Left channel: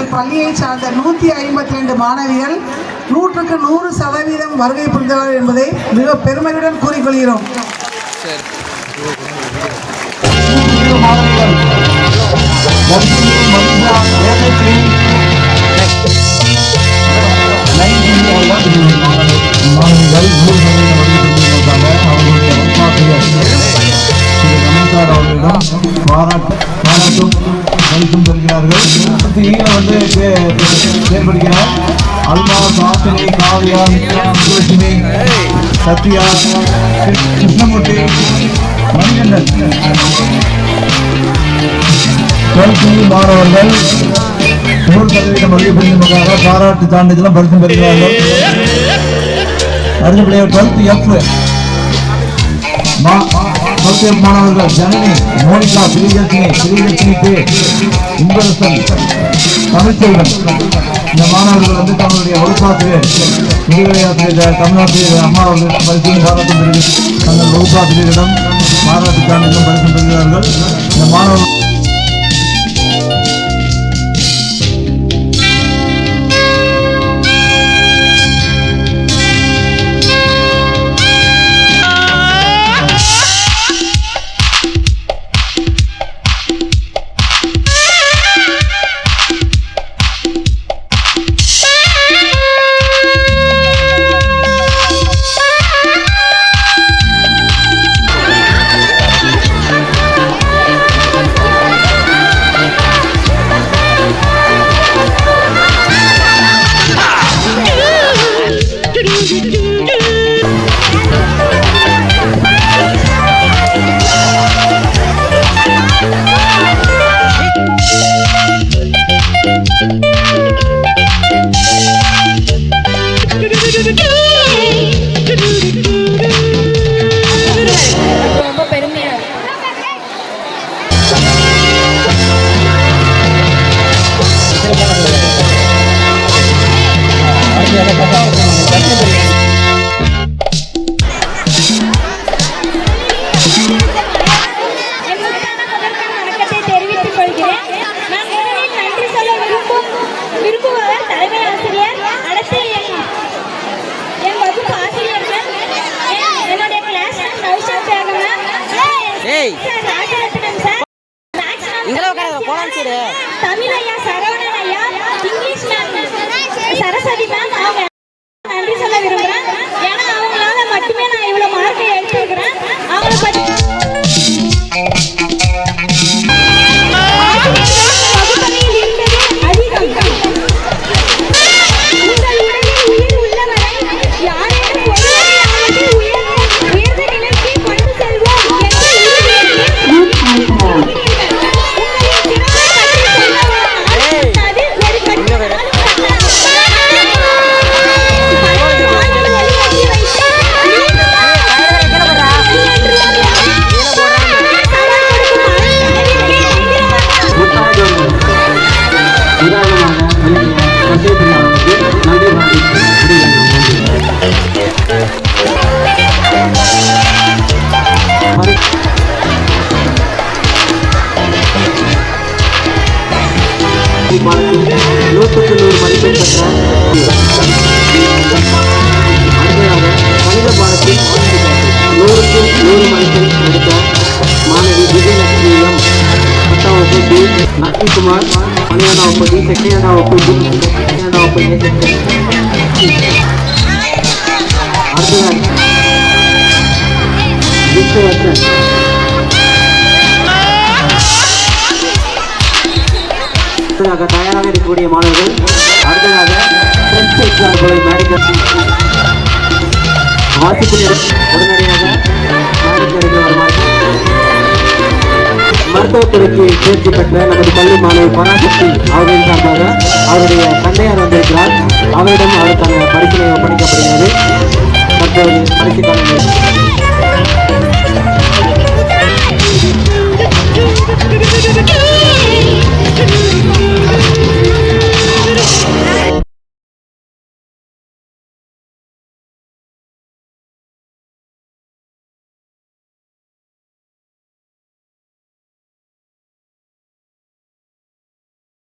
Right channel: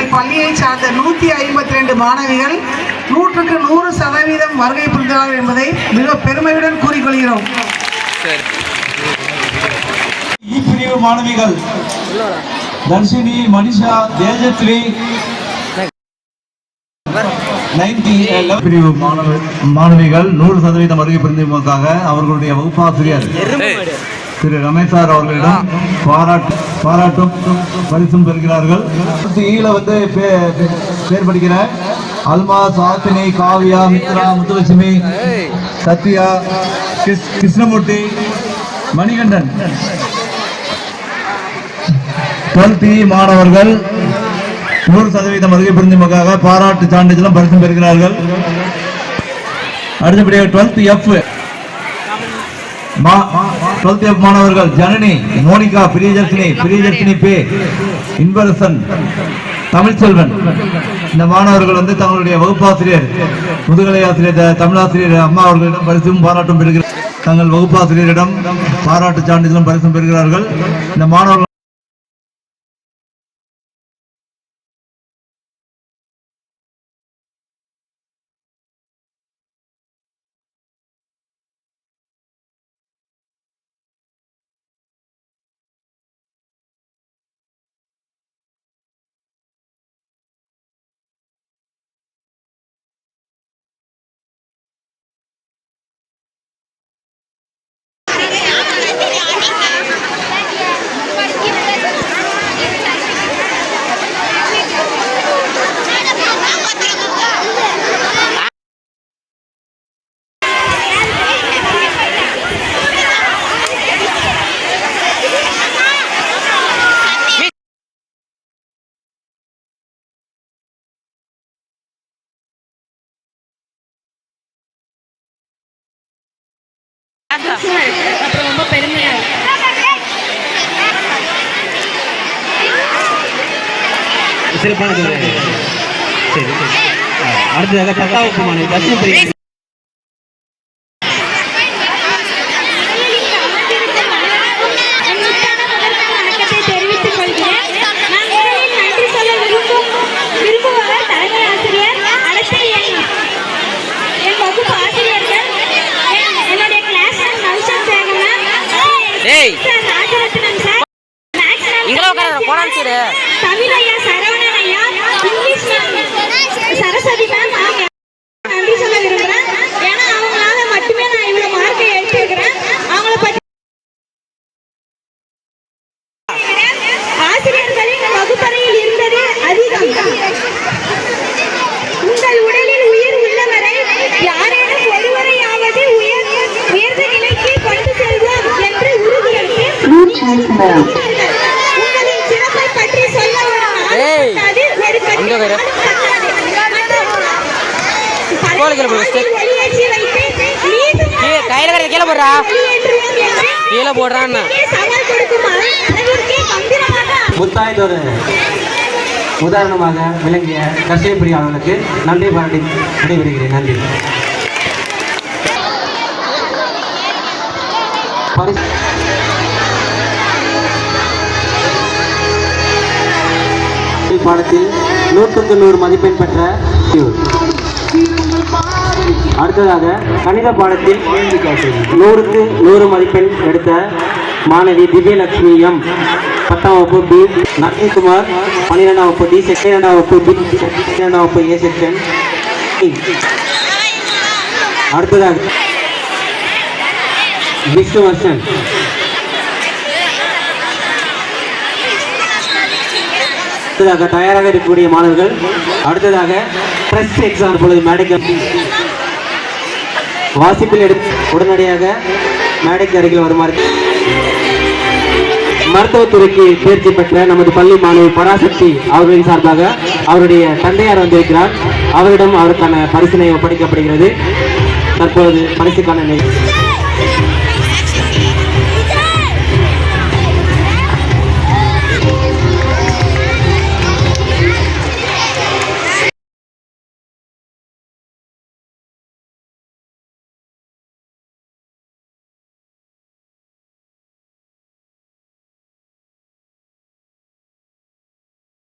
எங்கள் பள்ளியை சார்ந்த நூற்றி ஐம்பத்தி ரெண்டு மாணவிகள் நூற்றுக்கு நூறு சதவீதம் வருகை புரிந்தார்கள் என்பதை மிக பெருமையுடன் கூறிக்கொள்கிறோம். மாணவிகள். தர்ஷினி மனிஷா மாணவிகள் நூறு சதவீதம் வருகை புரிந்து வந்தாங்க அவர்களுடைய வகுப்பாசிரியர் திரு ரமேஷார் அவர்களிடம் பாராட்டு பாராட்டும் பரிசும் பெறுகிறார்கள். ஈழ வந்து சே- செயல்படுகிற அல்மா சாத்தினி காவியா மித்ரா முத்துலட்சுமி சத்யா கிருஷ்ணமூர்த்தி மணிகண்டன். டுவெல்த் மாணவர்கள் நூறு சதவீதம் வருகை புரிந்ததற்காக பாராட்டு சான்றிதழும் பரிசும் பெறுகிறார்கள். அடுத்தபடியாக டுவெல்த் எஃப். டுவெல்த் மாணவர்கள் ஜனனி மோனிகா பிரியதர்ஷினி பிரியதர்ஷினி பே இன்பரசன் தமிழ்ச்செல்வன். இந்த மாணவர்கள் வந்து தங்களுடைய வகுப்பாசிரியர் முதுகலை ஆசிரியர் தமிழாசிரியர் அம்மா அவர்களிடம் பரிசும் பாராட்டும் பெறுகிறார். தங்கள் வகுப்பாசிரியரிடம் பாராட்டு சான்றிதழும் பரிசும் பெறுகிறார்கள். இந்த மாணவர்கள் ஏய். Sir Rajarathnam sir maths ma'am உட்கார தமிழ் ஐயா சார் கீழே போடுறா வெளியேற்றுவோம் கீழே போடுறான்னு. உதாரணமாக பாடத்தில் நூற்றுக்கு நூறு மதிப்பெண் பெற்ற அடுத்ததாக கணித பாடத்தில் நூறுக்கு நூறு மதிப்பெண் எடுத்த மாணவி விஜயலட்சுமி எம். பத்தாம் வகுப்பு டி நட்னிகுமார் பன்னிரெண்டாம் வகுப்பு டி. செகண்டாம் வகுப்பு டி செகண்டாம் வகுப்பு ஏ. செக்ஷன் அடுத்ததாக விஷ்ணுவர்தன் அடுத்ததாக தயாராக இருக்கக்கூடிய மாணவர்கள் அடுத்ததாக ஃப்ரெண்ட்ஸ் எக்ஸாம் போல மேடைக்கு வாசிப்பில் உடனடியாக மேடைக்கு அருகில் வருமாறு மருத்துவத்துறைக்கு தேர்ச்சி பெற்ற நமது பள்ளி மாணவி பராசக்தி அவர்களின் சார்பாக அவருடைய தந்தையார் வந்திருக்கிறார் அவரிடம் அவருக்கான பரிசீலனை ஒப்படைக்கப்படுகிறது தற்போது பரிசுக்கான நேரம்.